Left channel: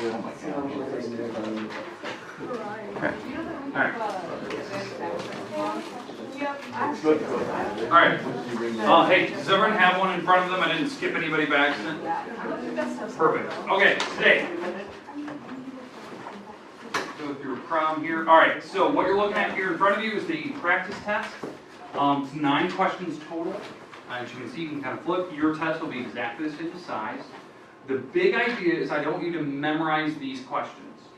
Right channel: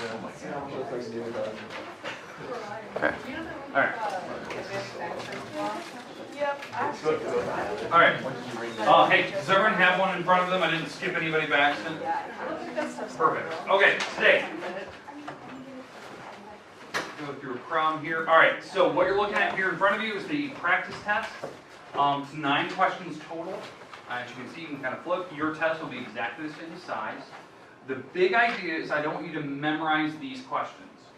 Okay. All right. All right. Hey, does everyone have one in front of them? I didn't skip anybody by accident. Perfect. Okay, today. Go through a problem here. All right, so what you're looking at here in front of you is the practice test. It's 9 questions total. As you can see, you can kind of flip. Your test will be exactly the same size. The big idea is I don't want you to memorize these questions.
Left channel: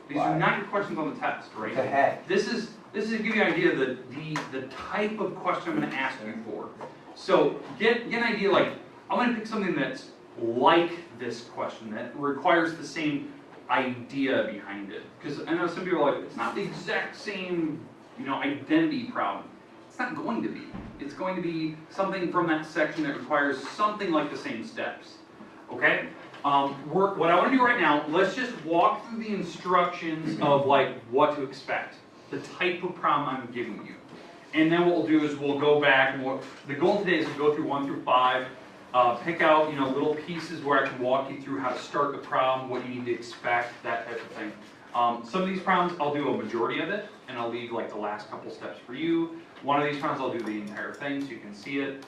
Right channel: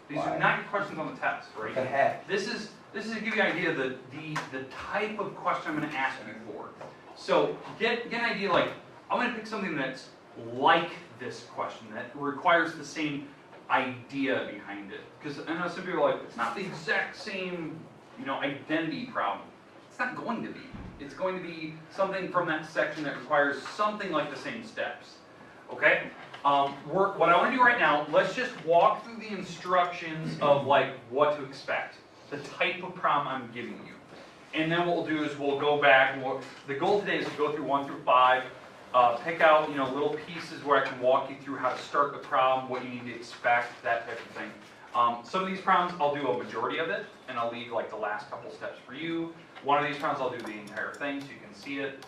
These are not your questions on the test, right? This is to give you an idea of the type of question I'm going to ask you for. So get an idea, like, I'm going to pick something that's like this question, that requires the same idea behind it. Because I know some people are like, it's not the exact same, identity problem. It's not going to be. It's going to be something from that section that requires something like the same steps. Okay? What I want to do right now, let's just walk through the instructions of like what to expect, the type of problem I'm giving you. And then what we'll do is we'll go back, and the goal today is to go through 1 through 5, pick out little pieces where I can walk you through how to start the problem, what you need to expect, that type of thing. Some of these problems I'll do a majority of it, and I'll leave like the last couple steps for you. One of these problems I'll do the entire thing so you can see it.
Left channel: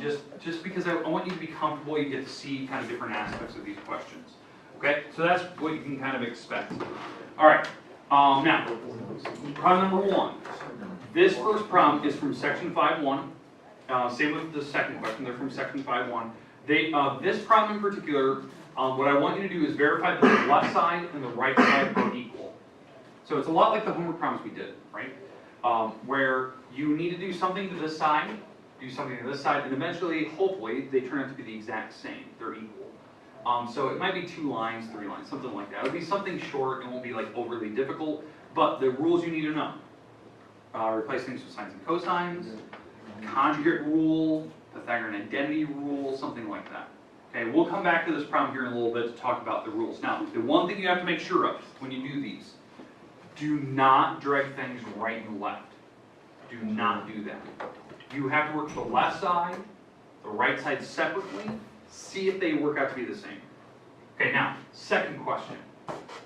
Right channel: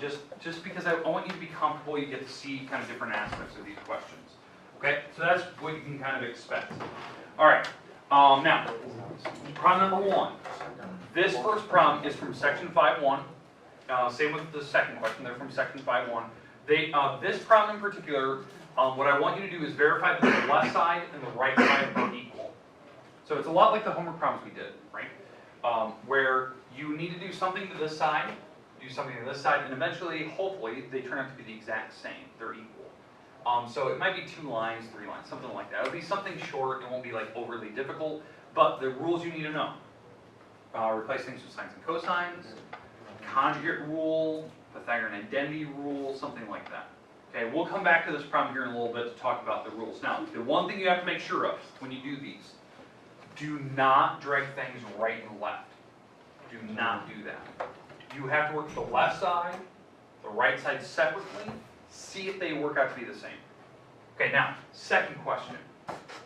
Just because I want you to be comfortable, you get to see kind of different aspects of these questions. Okay, so that's what you can kind of expect. All right, now, problem number 1. This first problem is from section 5.1. Same with the second question, they're from section 5.1. This problem in particular, what I want you to do is verify that the left side and the right side are equal. So it's a lot like the homework problems we did, right? Where you need to do something to this side, do something to this side, and eventually, hopefully, they turn out to be the exact same. They're equal. So it might be 2 lines, 3 lines, something like that. It'll be something short. It won't be like overly difficult, but the rules you need to know. Replace things with sines and cosines, conjugate rule, Pythagorean identity rule, something like that. Okay, we'll come back to this problem here in a little bit to talk about the rules. Now, the one thing you have to make sure of when you do these, do not drag things right and left. Do not do that. You have to work the left side, the right side separately, see if they work out to be the same. Okay, now, second question.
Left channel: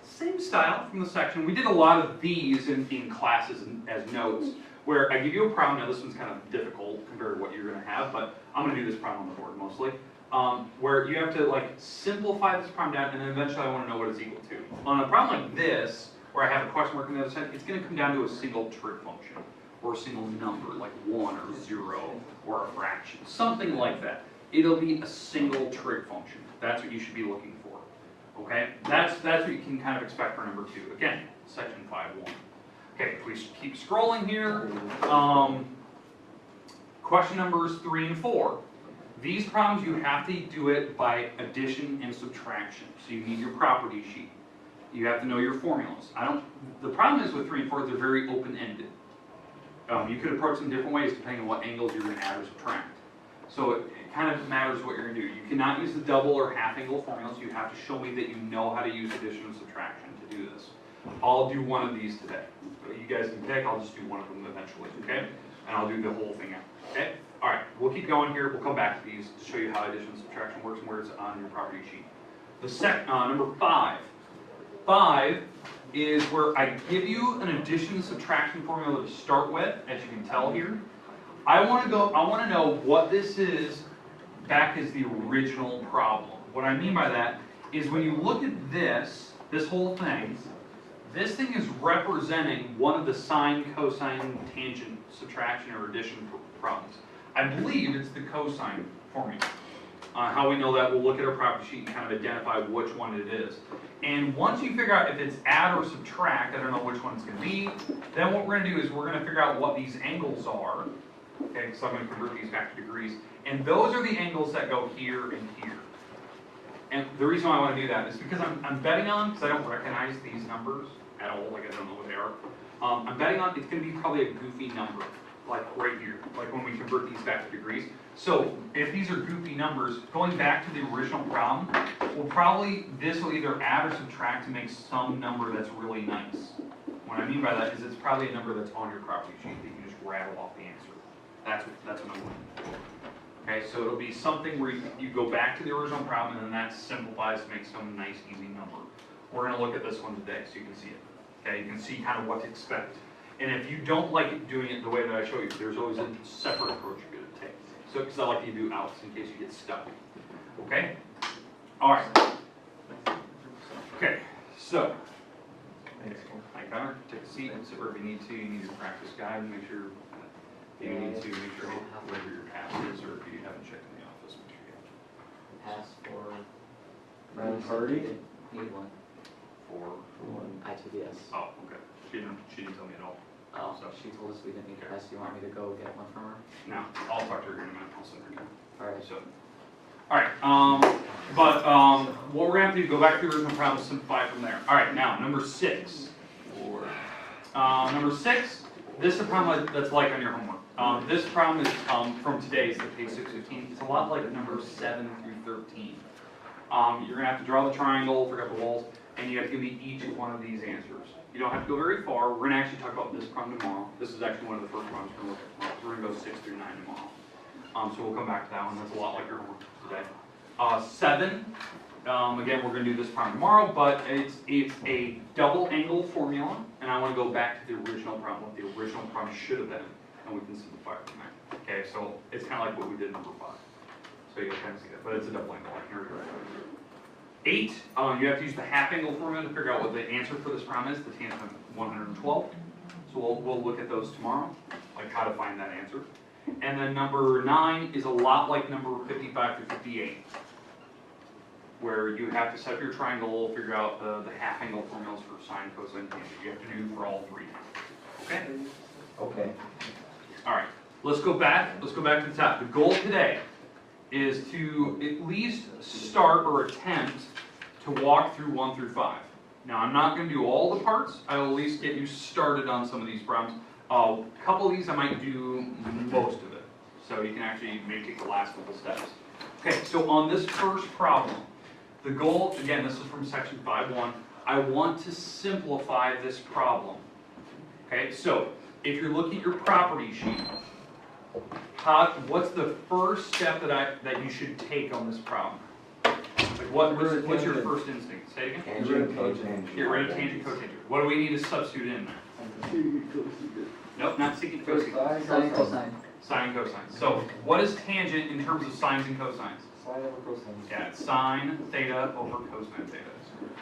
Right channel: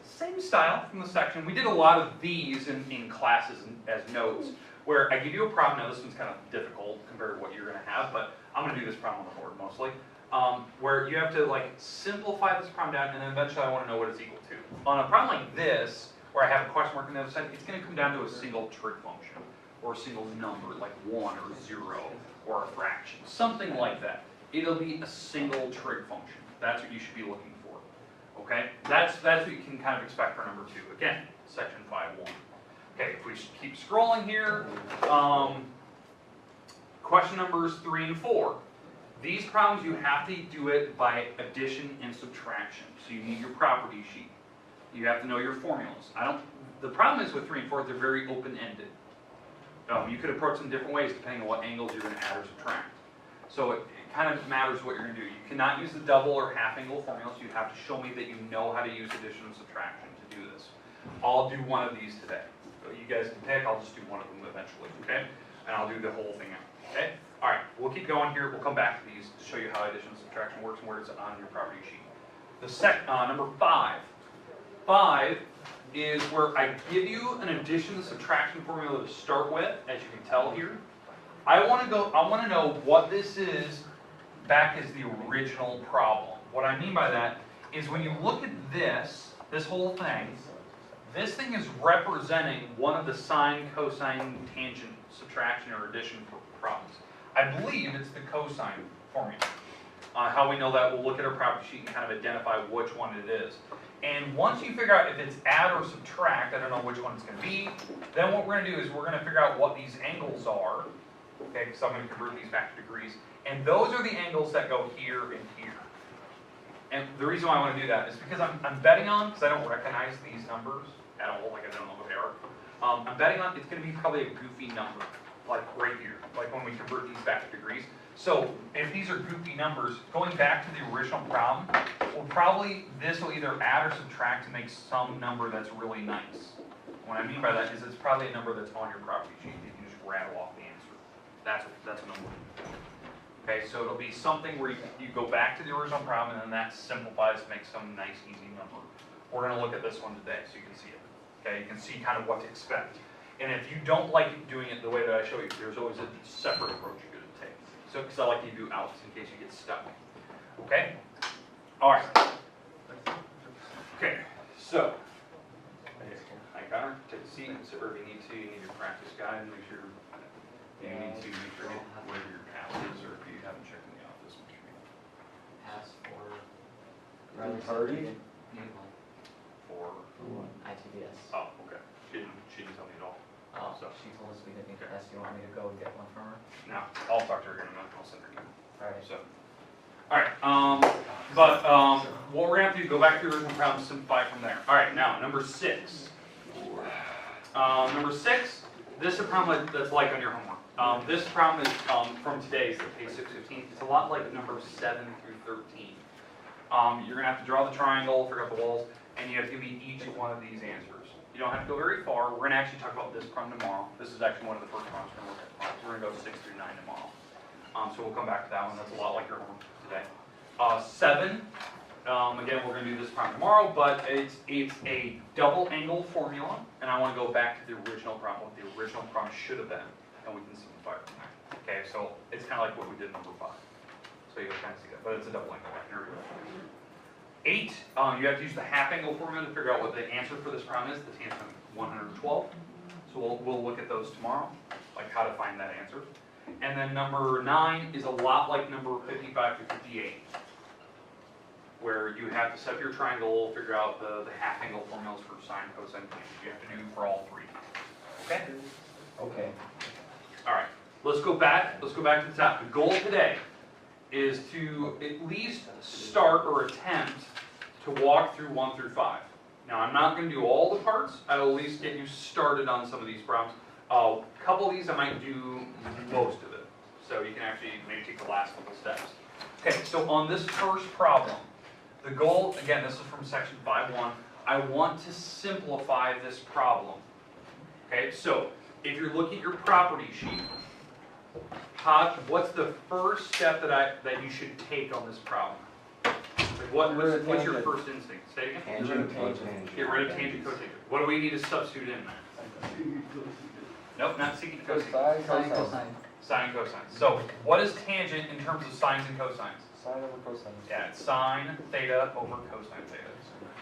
Same style from the section. We did a lot of these in classes as notes, where I give you a problem. Now, this one's kind of difficult compared to what you're going to have, but I'm going to do this problem on the board mostly, where you have to like simplify this problem down, and then eventually I want to know what it's equal to. On a problem like this, where I have a question mark on the other side, it's going to come down to a single trig function, or a single number, like 1 or 0, or a fraction, something like that. It'll be a single trig function. That's what you should be looking for. Okay? That's what you can kind of expect for number 2. Again, section 5.1. Okay, if we keep scrolling here, question numbers 3 and 4. These problems, you have to do it by addition and subtraction. So you need your property sheet. You have to know your formulas. The problem is with 3 and 4, they're very open-ended. You could approach them different ways depending on what angles you're going to add or subtract. So it kind of matters what you're going to do. You cannot use the double or half angle formulas. You have to show me that you know how to use addition and subtraction to do this. I'll do one of these today. So you guys can pick. I'll just do one of them eventually, okay? And I'll do the whole thing out, okay? All right, we'll keep going here. We'll come back to these to show you how addition and subtraction works and where it's on your property sheet. Number 5. 5 is where I give you an addition and subtraction formula to start with, as you can tell here. I want to know what this is back as the original problem. What I mean by that is when you look at this whole thing, this thing is representing one of the sine, cosine, tangent, subtraction, or addition problems. I believe it's the cosine formula. How we know that, we'll look at our property sheet and kind of identify which one it is. And once you figure out if it's add or subtract, I don't know which one it's going to be, then what we're going to do is we're going to figure out what these angles are. Okay, so I'm going to convert these back to degrees. And those are the angles that go here and here. And the reason why I want to do that is because I'm betting on, because I don't recognize these numbers at all, like I don't know what they are. I'm betting on it's going to be probably a goofy number, like right here, like when we convert these back to degrees. So if these are goofy numbers, going back to the original problem, this will either add or subtract to make some number that's really nice. What I mean by that is it's probably a number that's on your property sheet that you can just rattle off the answer. That's what I'm looking for. Okay, so it'll be something where you go back to the original problem and then that simplifies to make some nice, easy number. we're going to look at this one today so you can see it. Okay, you can see kind of what to expect. And if you don't like doing it the way that I show you, there's always a separate approach you're going to take. So, because I like to do outs in case you get stuck. Okay? All right. Okay, so, hi Connor, take a seat, sit wherever you need to. You need your practice guide, make sure you need to make sure whatever your pass is, or if you haven't checked in the office, make sure you Pass for party? need one. for what? ITBS. oh, okay. She didn't tell me at all. Oh, So- she told us we didn't need Okay. pass. Do you want me to go get one from her? No, I'll talk to her here in a minute. I'll send her an email. Alright. So, all right. What we're gonna have to do, go back to the original problem, simplify from there. All right. Now, number 6. Number 6. This is a problem that's like on your homework. This problem is from today's, the page 615. It's a lot like number 7 through 13. You're gonna have to draw the triangle, figure out the walls, and you have to give me each one of these answers. You don't have to go very far. We're gonna actually talk about this problem tomorrow. This is actually one of the first problems we're gonna look at tomorrow. We're gonna go 6 through 9 tomorrow. So we'll come back to that one. That's a lot like your homework today. 7. Again, we're gonna do this problem tomorrow, but it's a double angle formula, and I want to go back to the original problem, what the original problem should have been, and we can simplify it from there. Okay, so it's kind of like what we did in number 5. So you'll kind of see that, but it's a double angle. Here we go. 8, you have to use the half angle formula to figure out what the answer for this problem is, the tangent of 112. So we'll look at those tomorrow, like how to find that answer. And then number 9 is a lot like number 55 to 58, where you have to set up your triangle, figure out the half angle formulas for sine, cosine, tangent. You have to do for all 3. Okay? Okay. All right. Let's go back to the top. The goal today is to at least start or attempt to walk through 1 through 5. Now, I'm not going to do all the parts. I'll at least get you started on some of these problems. A couple of these I might do most of it. So you can actually maybe take the last couple steps. Okay, so on this first problem, the goal, again, this is from section 5.1. I want to simplify this problem. Okay, so if you're looking at your property sheet, what's the first step that you should take on this problem? Like what's your first instinct? Say it again. Tangent. Get rid of tangent, cotangent. What do we need to substitute in there? Nope, not secant, cosecant. Sine, cosine. Sine and cosine. So what is tangent in terms of sines and cosines? Sine over cosine. Yeah, it's sine theta over cosine theta.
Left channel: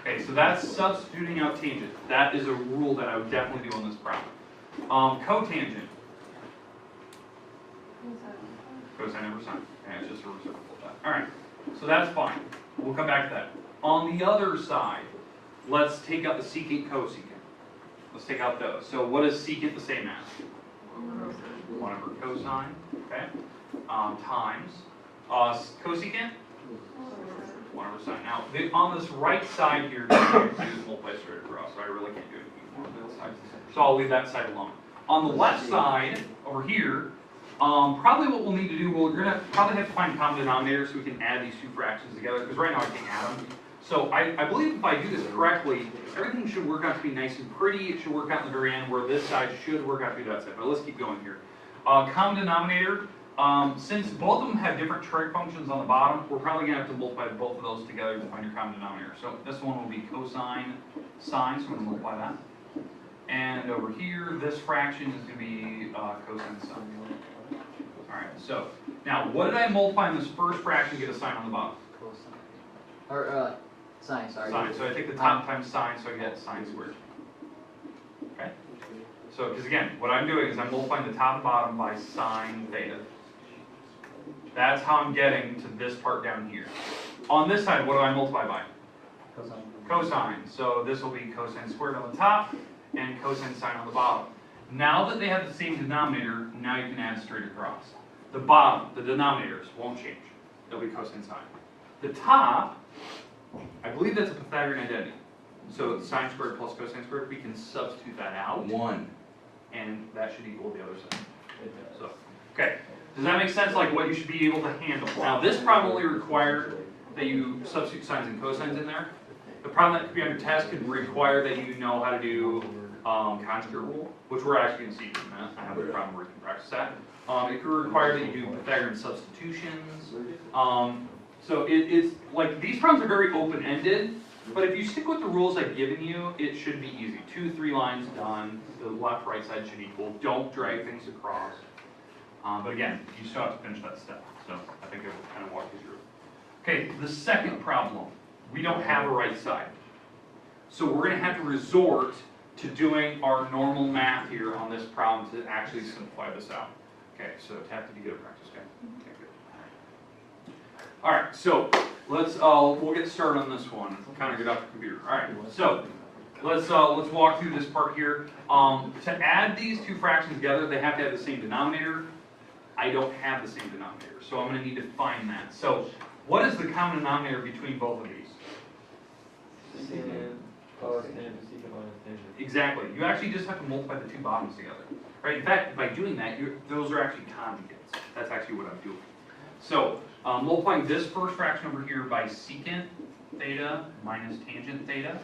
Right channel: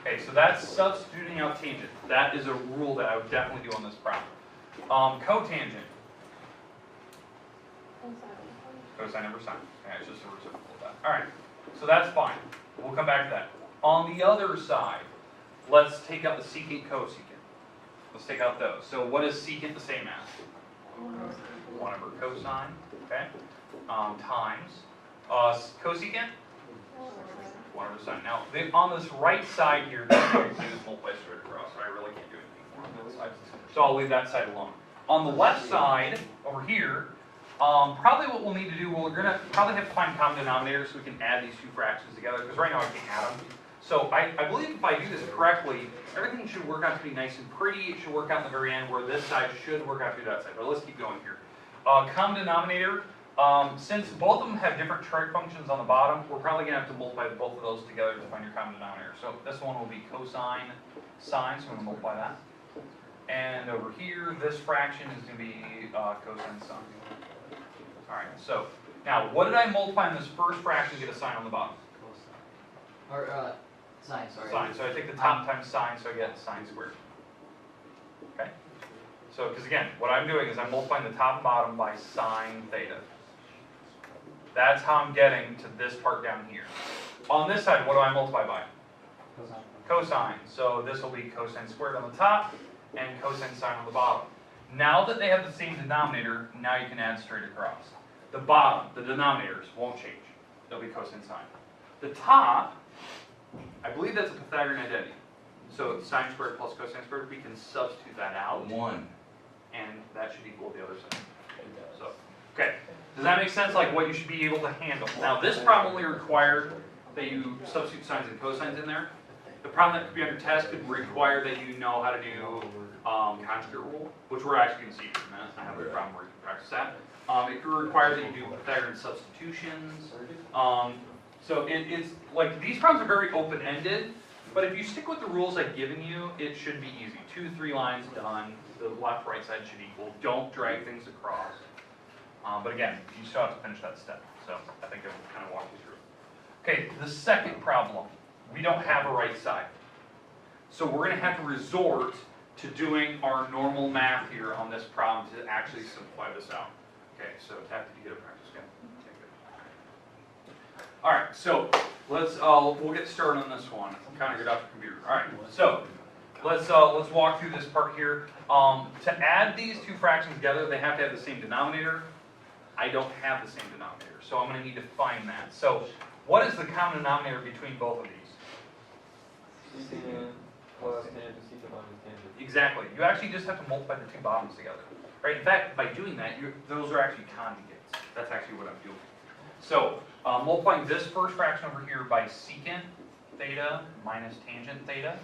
Okay, so that's substituting out tangent. That is a rule that I would definitely do on this problem. Cotangent. Cosine over sine. Yeah, it's just a reciprocal of that. All right, so that's fine. We'll come back to that. On the other side, let's take out the secant, cosecant. Let's take out those. So what is secant the same as? 1 over cosine, okay? Times cosecant? 1 over sine. Now, on this right side here, the thing to do is multiply straight across, so I really can't do anything on that side. So I'll leave that side alone. On the left side, over here, probably what we'll need to do, we're going to probably have to find common denominators so we can add these 2 fractions together, because right now I can't add them. So I believe if I do this correctly, everything should work out to be nice and pretty. It should work out in the very end where this side should work out to that side. But let's keep going here. Common denominator, since both of them have different trig functions on the bottom, we're probably going to have to multiply both of those together to find your common denominator. So this one will be cosine sine, so we're going to multiply that. And over here, this fraction is going to be cosine sine. All right, so now what did I multiply in this first fraction to get a sign on the bottom? Or, sine, sorry. Sine. So I take the top times sine, so I get sine squared. Okay? So, because again, what I'm doing is I'm multiplying the top and bottom by sine theta. That's how I'm getting to this part down here. On this side, what do I multiply by? Cosine. So this will be cosine squared on the top and cosine sine on the bottom. Now that they have the same denominator, now you can add straight across. The bottom, the denominators, won't change. They'll be cosine sine. The top, I believe that's a Pythagorean identity. So sine squared plus cosine squared, we can substitute that out. 1. And that should equal the other side. So, okay. Does that make sense? Like what you should be able to handle. Now this problem only required that you substitute sines and cosines in there. The problem that could be on your test could require that you know how to do conjugate rule, which we're actually going to see in a minute. I have a problem where you can practice that. It could require that you do Pythagorean substitutions. So it's like these problems are very open-ended. But if you stick with the rules I've given you, it should be easy. 2, 3 lines done. The left, right side should equal. Don't drag things across. But again, you still have to finish that step. So I think I will kind of walk you through it. Okay, the second problem. We don't have a right side. So we're going to have to resort to doing our normal math here on this problem to actually simplify this out. Okay, so have to be good at practice, okay? Okay, good. All right, so we'll get started on this one. Kind of get off the computer. All right, so let's walk through this part here. To add these two fractions together, they have to have the same denominator. I don't have the same denominator, so I'm going to need to find that. So what is the common denominator between both of these? Secant, cos tangent, secant minus tangent. Exactly. You actually just have to multiply the two bottoms together. Right? In fact, by doing that, those are actually conjugates. That's actually what I'm doing. So multiplying this first fraction over here by secant theta minus tangent theta.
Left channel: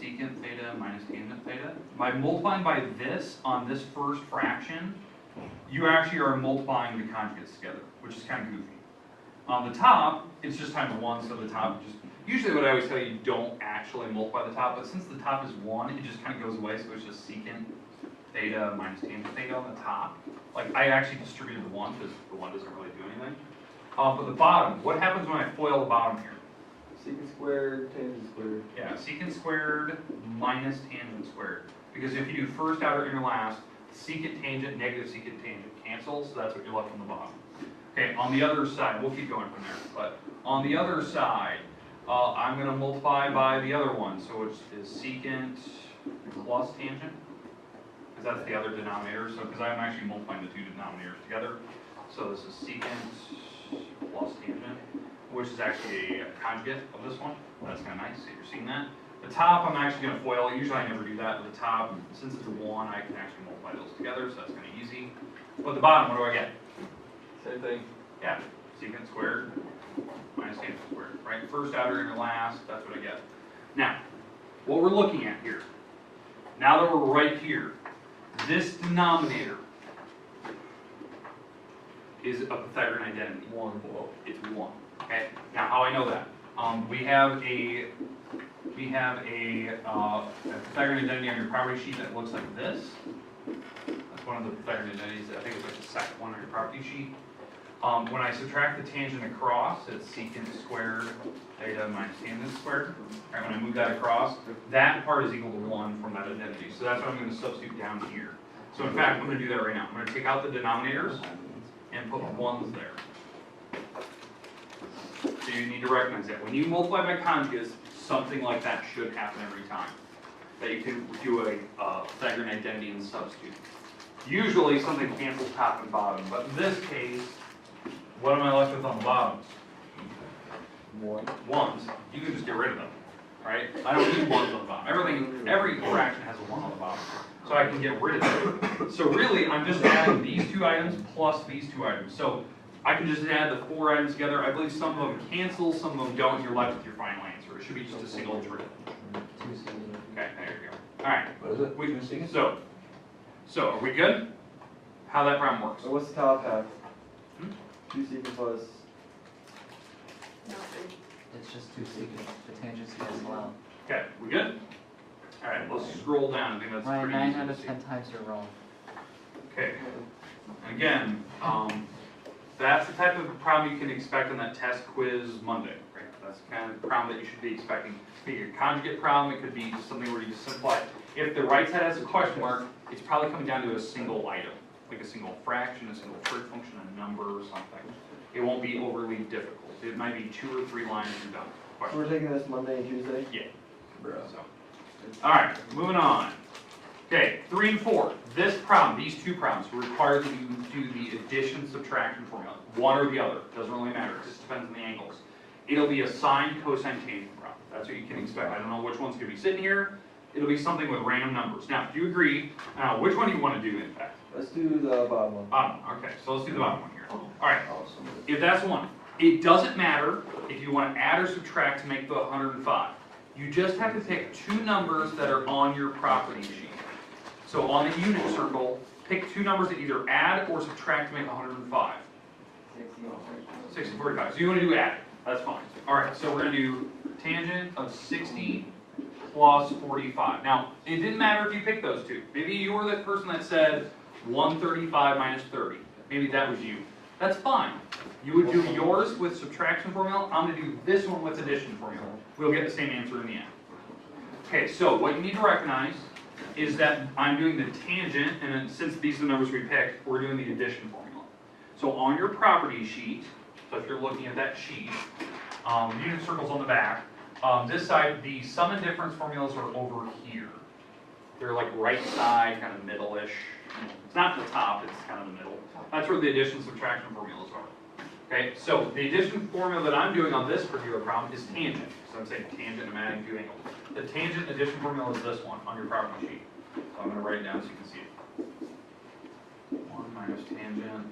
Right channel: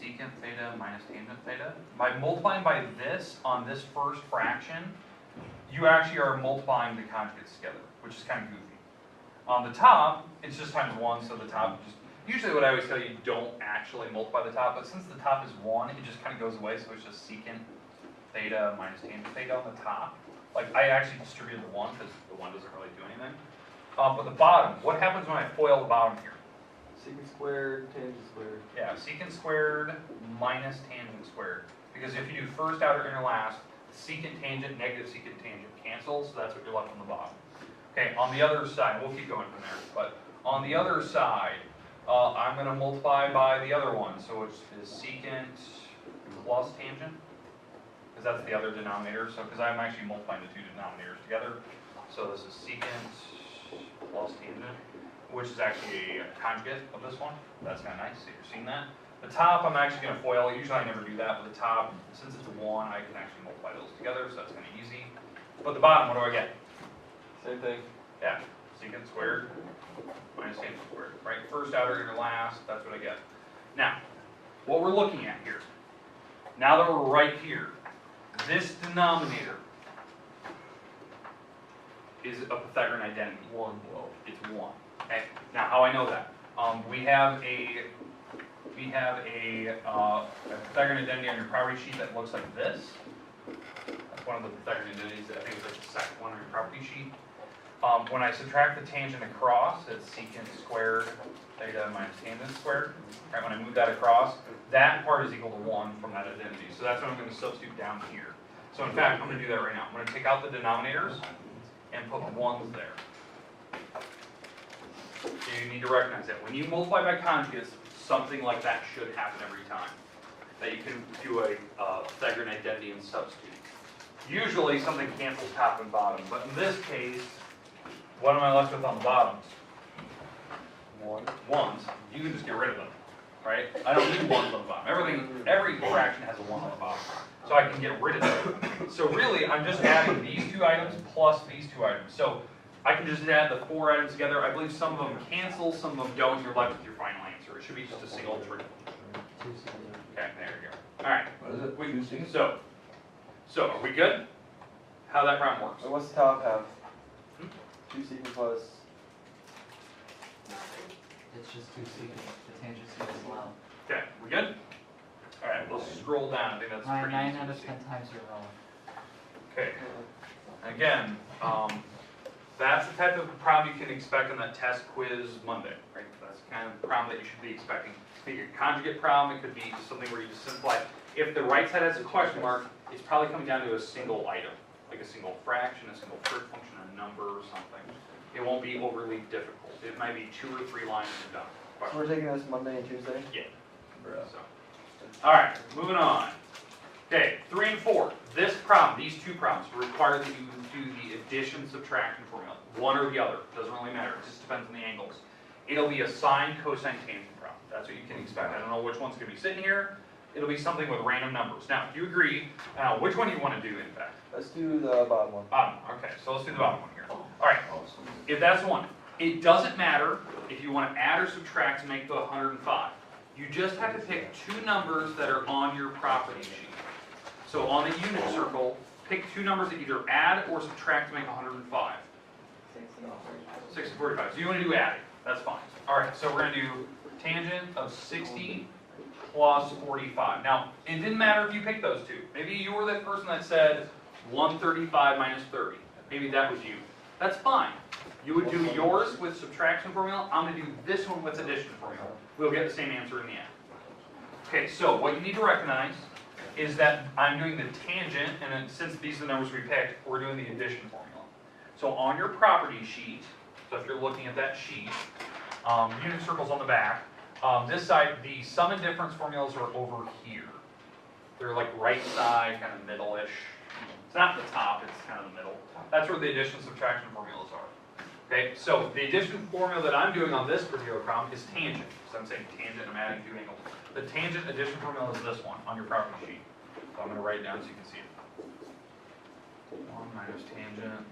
Secant theta minus tangent theta. By multiplying by this on this first fraction, you actually are multiplying the conjugates together, which is kind of goofy. On the top, it's just times 1, so the top just... Usually what I always tell you, don't actually multiply the top, but since the top is 1, it just kind of goes away, so it's just secant theta minus tangent theta on the top. Like, I actually distributed the 1, because the 1 doesn't really do anything. But the bottom, what happens when I FOIL the bottom here? Secant squared, tangent squared. Yeah, secant squared minus tangent squared. Because if you do first, outer, inner, last, secant tangent, negative secant tangent cancel, so that's what you're left on the bottom. Okay, on the other side, we'll keep going from there, but on the other side, I'm going to multiply by the other one, so it's secant plus tangent, because that's the other denominator, so because I'm actually multiplying the two denominators together, so this is secant plus tangent, which is actually a conjugate of this one. That's kind of nice, so you're seeing that. The top, I'm actually going to FOIL. Usually I never do that, but the top, since it's a 1, I can actually multiply those together, so that's kind of easy. But the bottom, what do I get? Same thing. Yeah, secant squared minus tangent squared, right? First, outer, inner, last, that's what I get. Now, what we're looking at here, now that we're right here, this denominator is a Pythagorean identity. 1 below. It's 1. Okay. Now, how I know that? We have a Pythagorean identity on your property sheet that looks like this. That's one of the Pythagorean identities. I think it's like the second one on your property sheet. When I subtract the tangent across, it's secant squared theta minus tangent squared. Right, when I move that across, that part is equal to 1 from that identity. So that's what I'm going to substitute down here. So in fact, I'm going to do that right now. I'm going to take out the denominators and put 1s there. So you need to recognize that. When you multiply by conjugates, something like that should happen every time. That you can do a Pythagorean identity and substitute. Usually something cancels top and bottom, but in this case, what am I left with on the bottoms? 1s. You can just get rid of them, right? I don't need 1s on the bottom. Every fraction has a 1 on the bottom. So I can get rid of them. So really, I'm just adding these 2 items plus these 2 items. So I can just add the 4 items together. I believe some of them cancel, some of them don't. You're left with your final answer. It should be just a single true. Okay, there you go. All right. What is it? So are we good? How that problem works? So what's the top half? 2 secant plus. It's just 2 secant, the tangents as well. Okay, we good? All right, let's scroll down. I think that's pretty 9 easy out to of see. 10 times you're wrong. Okay. Again, that's the type of problem you can expect on that test quiz Monday, right? That's kind of the problem that you should be expecting. It could be a conjugate problem. It could be just something where you just simplify. If the right side has a question mark, it's probably coming down to a single item, like a single fraction, a single trig function, a number, or something. It won't be overly difficult. It might be 2 or 3 lines and done. So we're taking this Monday and Tuesday? Yeah. Bro. So, all right, moving on. Okay, 3 and 4. This problem, these 2 problems, require that you do the addition subtraction formula. One or the other, doesn't really matter. It just depends on the angles. It'll be a sine, cosine, tangent problem. That's what you can expect. I don't know which one's going to be sitting here. It'll be something with random numbers. Now, if you agree, which one do you want to do, in fact? Let's do the bottom one. Bottom one. Okay, so let's do the bottom one here. All right, if that's the one, it doesn't matter if you want to add or subtract to make the 105. You just have to pick 2 numbers that are on your property sheet. So on the unit circle, pick 2 numbers that either add or subtract to make 105. 6 and 45. So you want to do add. That's fine. Alright, so we're gonna do tangent of 60 plus 45. Now, it didn't matter if you picked those two. Maybe you were the person that said 135 minus 30. Maybe that was you. That's fine. You would do yours with subtraction formula. I'm gonna do this one with addition formula. We'll get the same answer in the end. Okay, so what you need to recognize is that I'm doing the tangent, and then since these are the numbers we picked, we're doing the addition formula. So on your property sheet, so if you're looking at that sheet, unit circles on the back, this side, the sum and difference formulas are over here. They're like right side, kind of middle-ish. It's not the top, it's kind of the middle. That's where the addition subtraction formulas are. Okay, so the addition formula that I'm doing on this particular problem is tangent. So I'm saying tangent, I'm adding two angles. The tangent addition formula is this one on your property sheet. So I'm going to write it down so you can see it. 1 minus tangent,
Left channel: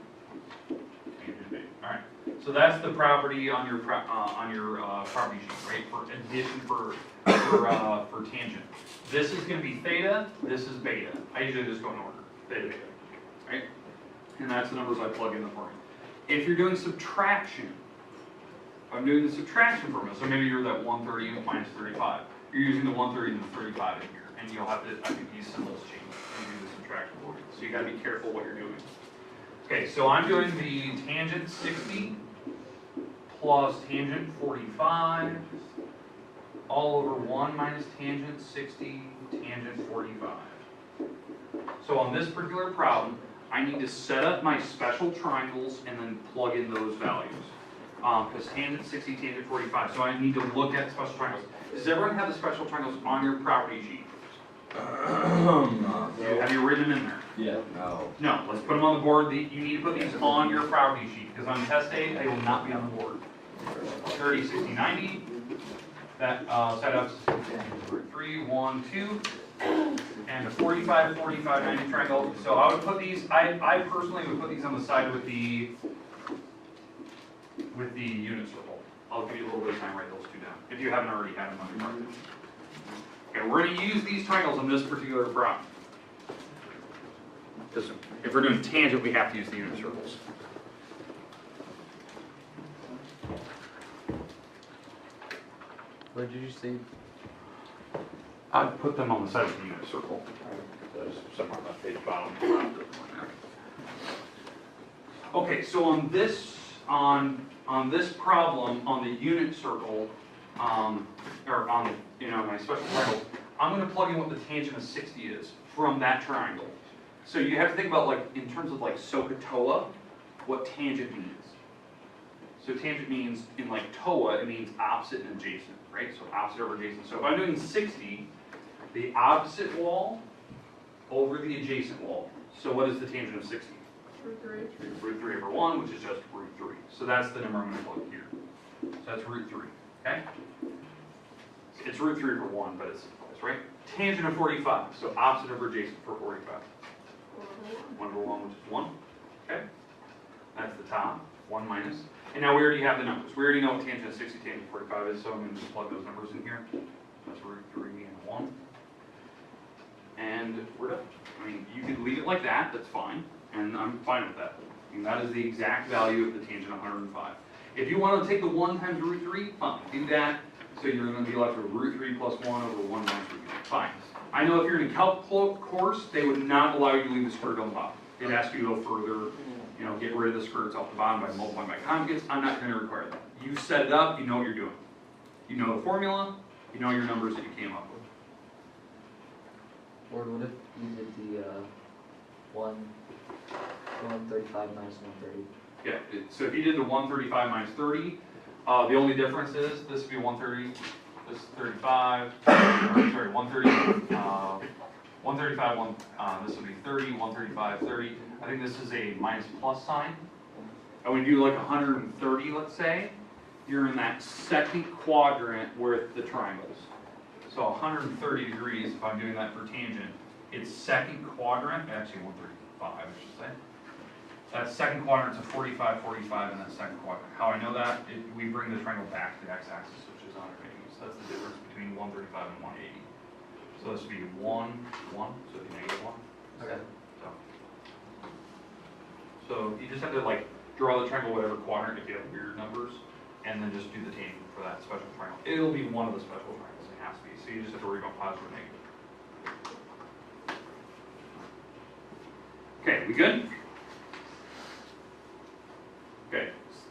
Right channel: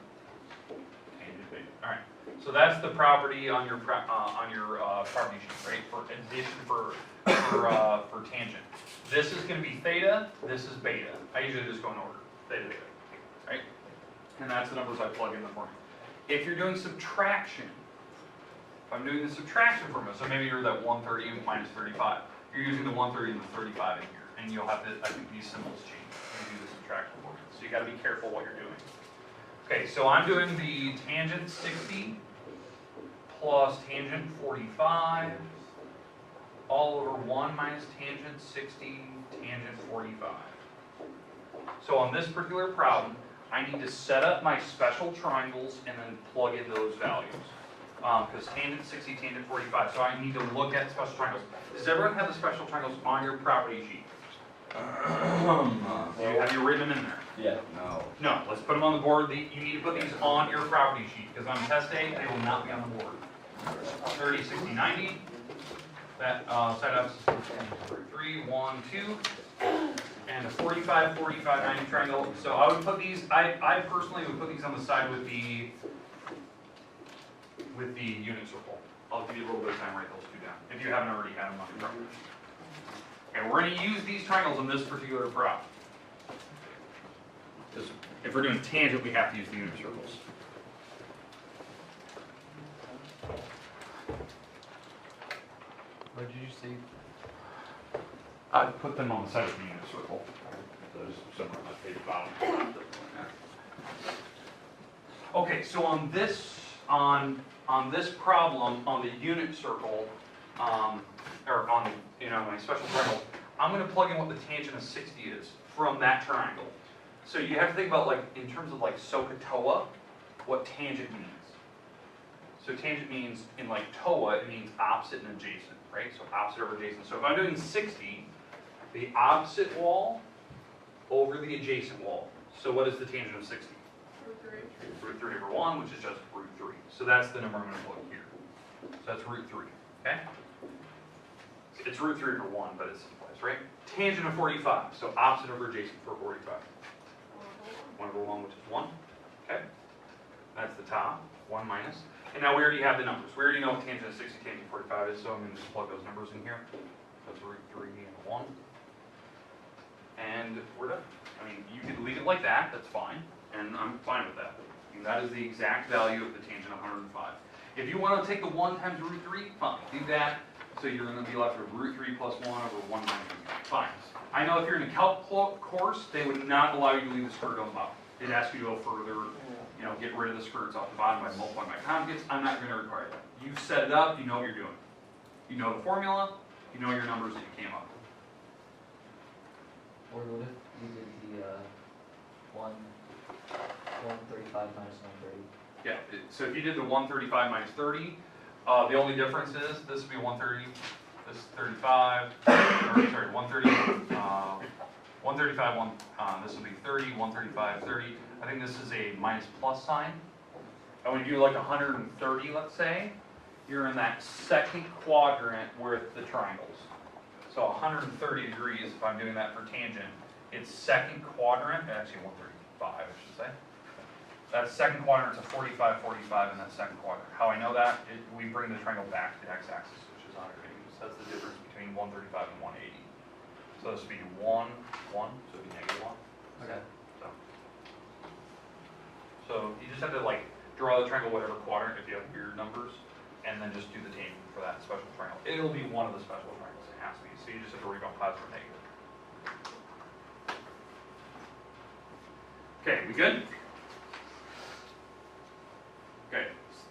tangent beta. All right. So that's the property on your property sheet, right? For addition for tangent. This is going to be theta. This is beta. I usually just go in order. Theta, beta, right? And that's the numbers I plug in the formula. If you're doing subtraction, if I'm doing the subtraction formula, so maybe you're that 130 minus 35. You're using the 130 and the 35 in here, and you'll have to, I think these symbols change when you do the subtraction formula. So you got to be careful what you're doing. Okay, so I'm doing the tangent 60 plus tangent 45 all over 1 minus tangent 60 tangent 45. So on this particular problem, I need to set up my special triangles and then plug in those values. Because tangent 60, tangent 45. So I need to look at special triangles. Does everyone have the special triangles on your property sheet? Have you written them in there? Yeah. No, let's put them on the board. You need to put these on your property sheet, because on test day, they will not be on the board. 30, 60, 90. That setups 3, 1, 2. And a 45, 45, 90 triangle. So I would put these, I personally would put these on the side with the unit circle. I'll give you a little bit of time to write those two down, if you haven't already had them on your property. And we're going to use these triangles on this particular problem. Because if we're doing tangent, we have to use the unit circles. Where did you see? I'd put them on the side of the unit circle. There's somewhere on that page bottom. Okay, so on this problem, on the unit circle, or on my special triangle, I'm going to plug in what the tangent of 60 is from that triangle. So you have to think about, like, in terms of like SOHCAHTOA, what tangent means. So tangent means, in like TOA, it means opposite and adjacent, right? So opposite over adjacent. So if I'm doing 60, the opposite wall over the adjacent wall. So what is the tangent of 60? Root 3. Root 3 over 1, which is just root 3. So that's the number I'm going to plug here. So that's root 3, okay? It's root 3 over 1, but it's simplified, right? Tangent of 45, so opposite over adjacent for 45. 1 over 1, which is 1, okay? That's the top, 1 minus. And now we already have the numbers. We already know what tangent of 60, tangent of 45 is, so I'm going to just plug those numbers in here. That's root 3 and 1. And we're done. I mean, you could leave it like that, that's fine, and I'm fine with that. I mean, that is the exact value of the tangent of 105. If you want to take the 1 times root 3, fine, do that. So you're going to be left with root 3 plus 1 over 1 minus root 3. Fine. I know if you're in a calc course, they would not allow you to leave the skirt on the bottom. They'd ask you to go further, get rid of the skirts off the bottom by multiplying by conjugates. I'm not going to require that. You set it up, you know what you're doing. You know the formula, you know your numbers that you came up with. Or what if you did the 135 minus 130? Yeah, so if you did the 135 minus 30, the only difference is this would be 130, this is 35, or sorry, 130, 135, this would be 30, 135, 30. I think this is a minus plus sign. And when you do like 130, let's say, you're in that second quadrant with the triangles. So 130 degrees, if I'm doing that for tangent, it's second quadrant, actually 135, I should say. That second quadrant is a 45, 45 in that second quadrant. How I know that, we bring the triangle back to the x-axis, which is 180. So that's the difference between 135 and 180. So this would be 1, 1, so it'd be negative 1. Okay. So you just have to like draw the triangle whatever quadrant if you have weird numbers. and then just do the tangent for that special triangle. It'll be one of the special triangles, it has to be, so you just have to worry about positive or negative. Okay, we good? Okay,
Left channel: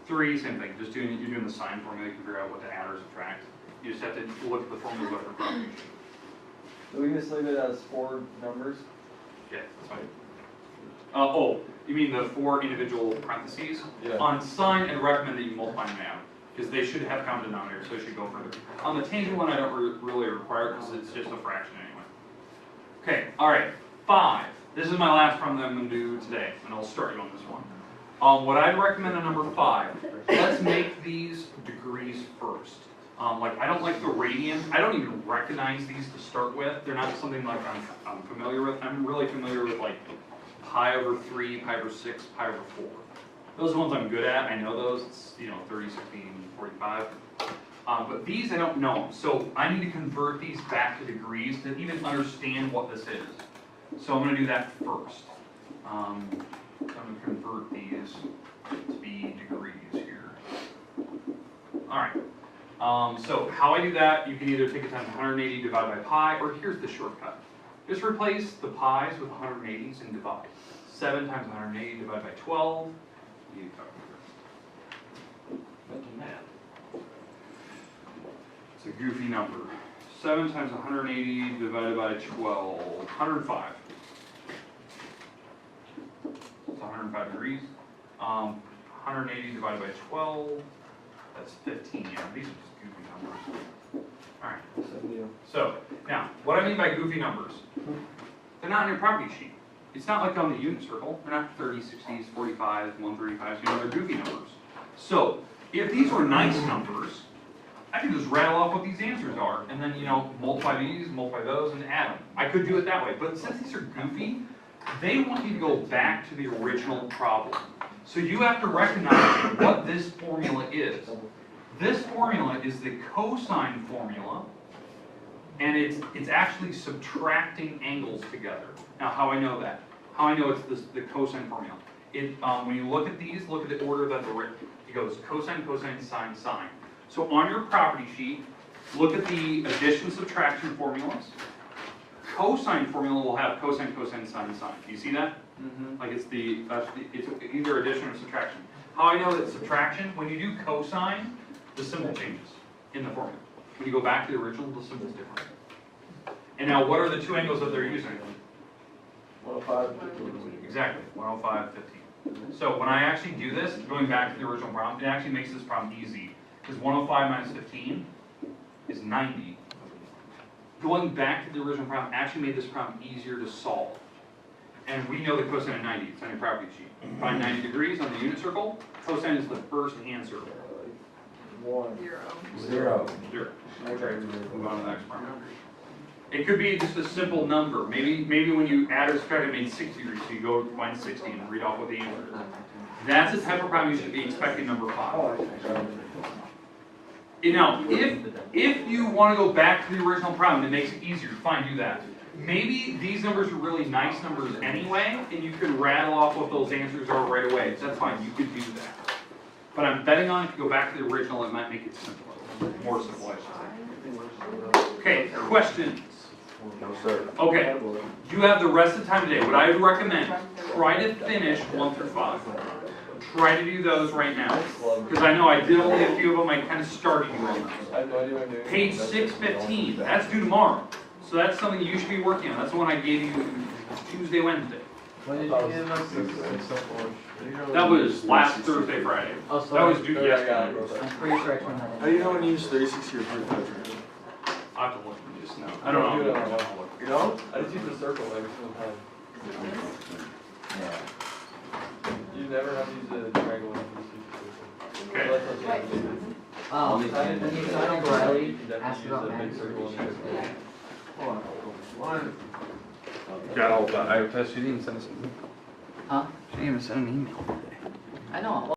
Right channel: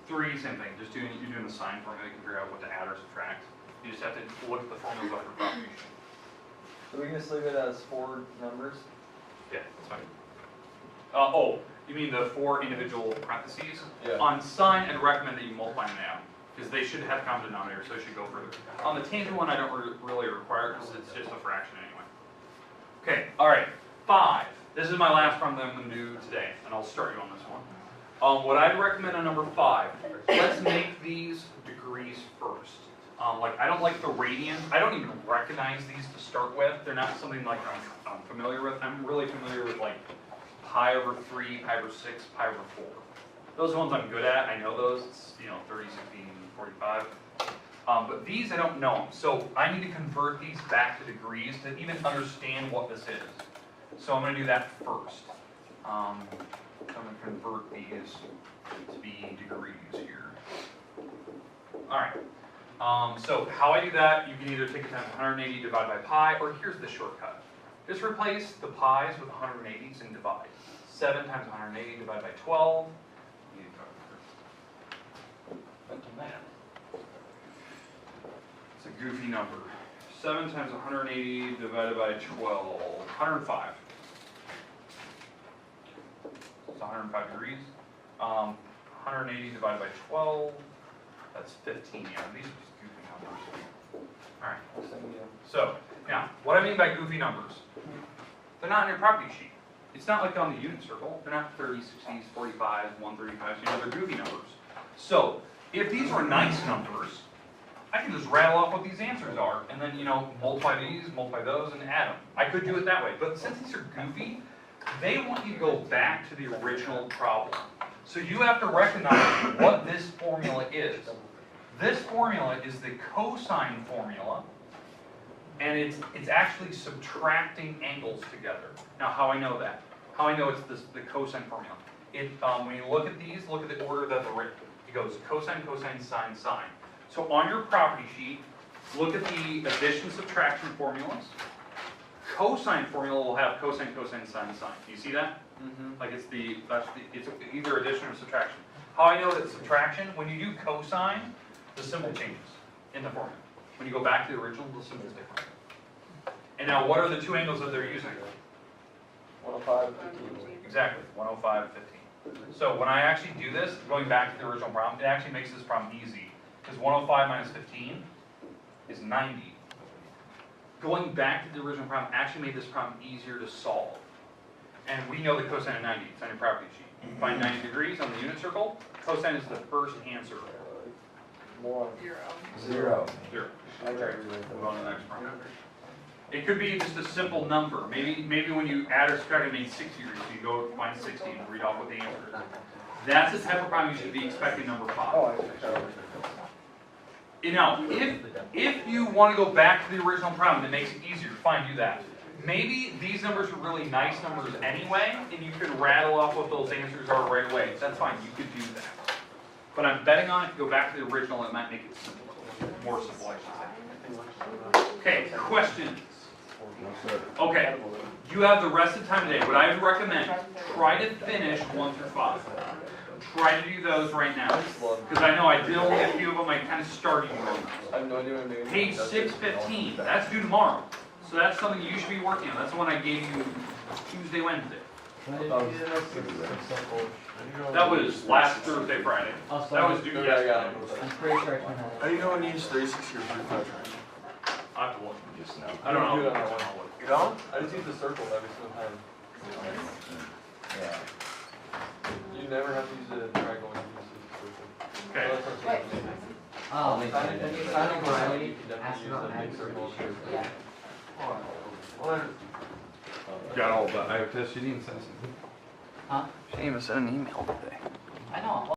3, same thing, just you're doing the sine formula to figure out what to add or subtract. You just have to look at the formulas up in front of you. So we can just leave it as 4 numbers? Yeah, that's fine. Oh, you mean the 4 individual parentheses? Yeah. On sine, I'd recommend that you multiply them out, because they should have common denominator, so it should go further. On the tangent one, I don't really require it, because it's just a fraction anyway. Okay, alright, 5. This is my last problem that I'm going to do today, and I'll start you on this one. What I'd recommend on number 5, let's make these degrees first. Like, I don't like the radians. I don't even recognize these to start with. They're not something like I'm familiar with. I'm really familiar with like pi over 3, pi over 6, pi over 4. Those are the ones I'm good at. I know those. It's, 30, 16, 45. But these I don't know. So I need to convert these back to degrees to even understand what this is. So I'm going to do that first. I'm going to convert these to be degrees here. All right. So how I do that, you can either take it times 180 divided by pi, or here's the shortcut. Just replace the pi's with 180s and divide. 7 times 180 divided by 12. Mental math. It's a goofy number. 7 times 180 divided by 12. 105. It's 105 degrees. 180 divided by 12. That's 15. Yeah, these are just goofy numbers. Alright. So, now, what I mean by goofy numbers, they're not on your property sheet. It's not like on the unit circle. They're not 30s, 60s, 45s, 135s. They're goofy numbers. So, if these were nice numbers, I can just rattle off what these answers are, and then, multiply these, multiply those, and add them. I could do it that way, but since these are goofy, they want you to go back to the original problem. So you have to recognize what this formula is. This formula is the cosine formula, and it's actually subtracting angles together. Now, how I know that? How I know it's the cosine formula? When you look at these, look at the order that they're written. It goes cosine, cosine, sine, sine. So on your property sheet, look at the addition, subtraction formulas. Cosine formula will have cosine, cosine, sine, sine. Do you see that? Mm-hmm. Like it's either addition or subtraction. How I know that subtraction, when you do cosine, the symbol changes in the formula. When you go back to the original, the symbol's different. And now, what are the 2 angles that they're using? 105 and 15. Exactly, 105, 15. So when I actually do this, going back to the original problem, it actually makes this problem easy. Because 105 minus 15 is 90. Going back to the original problem actually made this problem easier to solve. And we know the cosine of 90, it's on your property sheet. Find 90 degrees on the unit circle. Cosine is the first answer. 1. 0. 0. Okay. Move on to the next problem. It could be just a simple number. Maybe when you add or subtract, it made 60 degrees, so you go find 60 and read off what the answer is. That's the type of problem you should be expecting number 5. Oh, I see. Now, if you want to go back to the original problem, it makes it easier. Fine, do that. Maybe these numbers are really nice numbers anyway, and you could rattle off what those answers are right away. That's fine, you could do that. But I'm betting on if you go back to the original, it might make it simpler. More simple, I should say. Okay, questions? No, sir. Okay, you have the rest of the time today. What I would recommend, try to finish 1 through 5. Try to do those right now. Because I know I did only a few of them, I kind of started you on those. I have no idea what I'm doing. Page 615, that's due tomorrow. So that's something you should be working on. That's the one I gave you Tuesday, Wednesday. When did you get us? That was last Thursday, Friday. Oh, so That was due Yeah, yesterday. I'm pretty sure I can have How do you know when you use 360 or 45 traction? I have to look. Just know. I don't know. You don't? I just use the circle every single time. Yeah. You never have to use a triangle when you use the Okay. circle. That's what you When you sign a Riley, never ask use about a big having circle. Got all that. I she didn't even send something. Huh? She didn't even send an email today. I know.